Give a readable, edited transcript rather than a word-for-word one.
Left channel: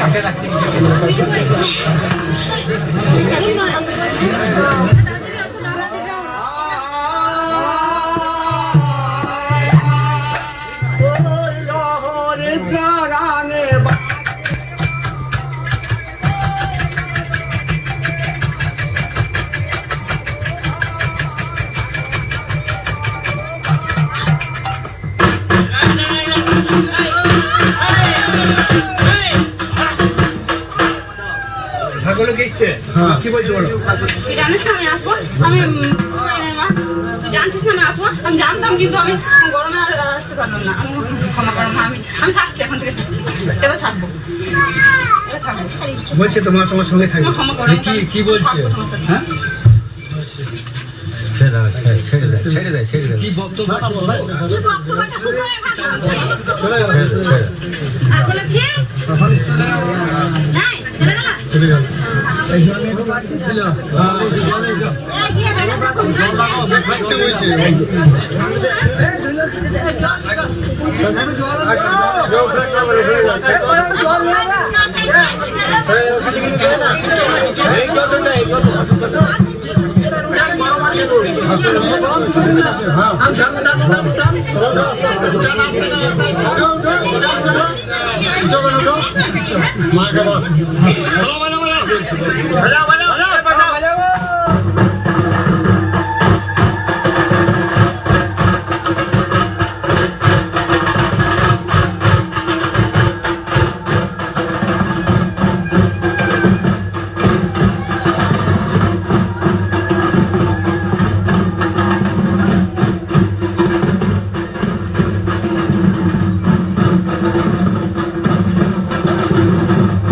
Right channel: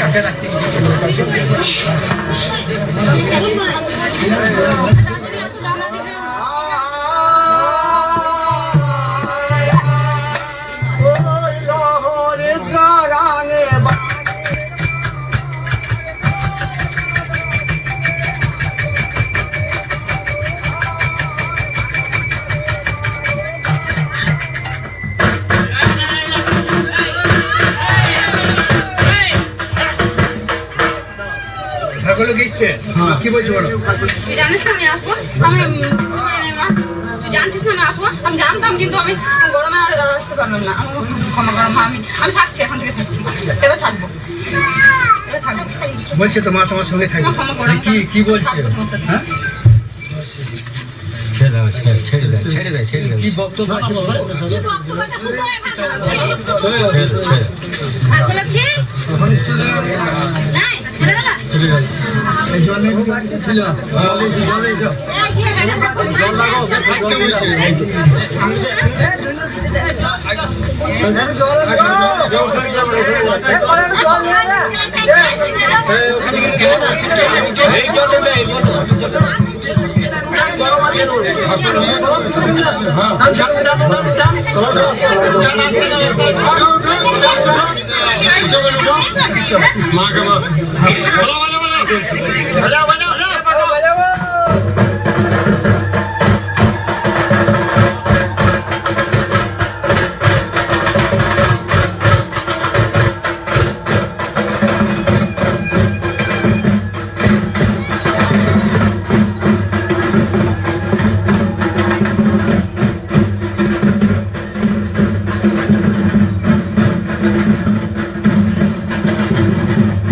কাকে রাখতে কি বলছো বলো? তুই জানিস না আমি আসবো, আমি মা তুই জানতিস না আমি আসবো, আমি জানতাম কিন্তু আমি গরমে আর আসতে পারলাম না। আমি ক্ষমা করো মা, আমি থাকছি, এখন থেকে থাকছি, এবার থাকবো। বলছে তো মা তোমার সঙ্গে থাকবে। কি বলছে? হ্যাঁ ছেড়ে দে কি বক্তব্য আছে? ছিল মা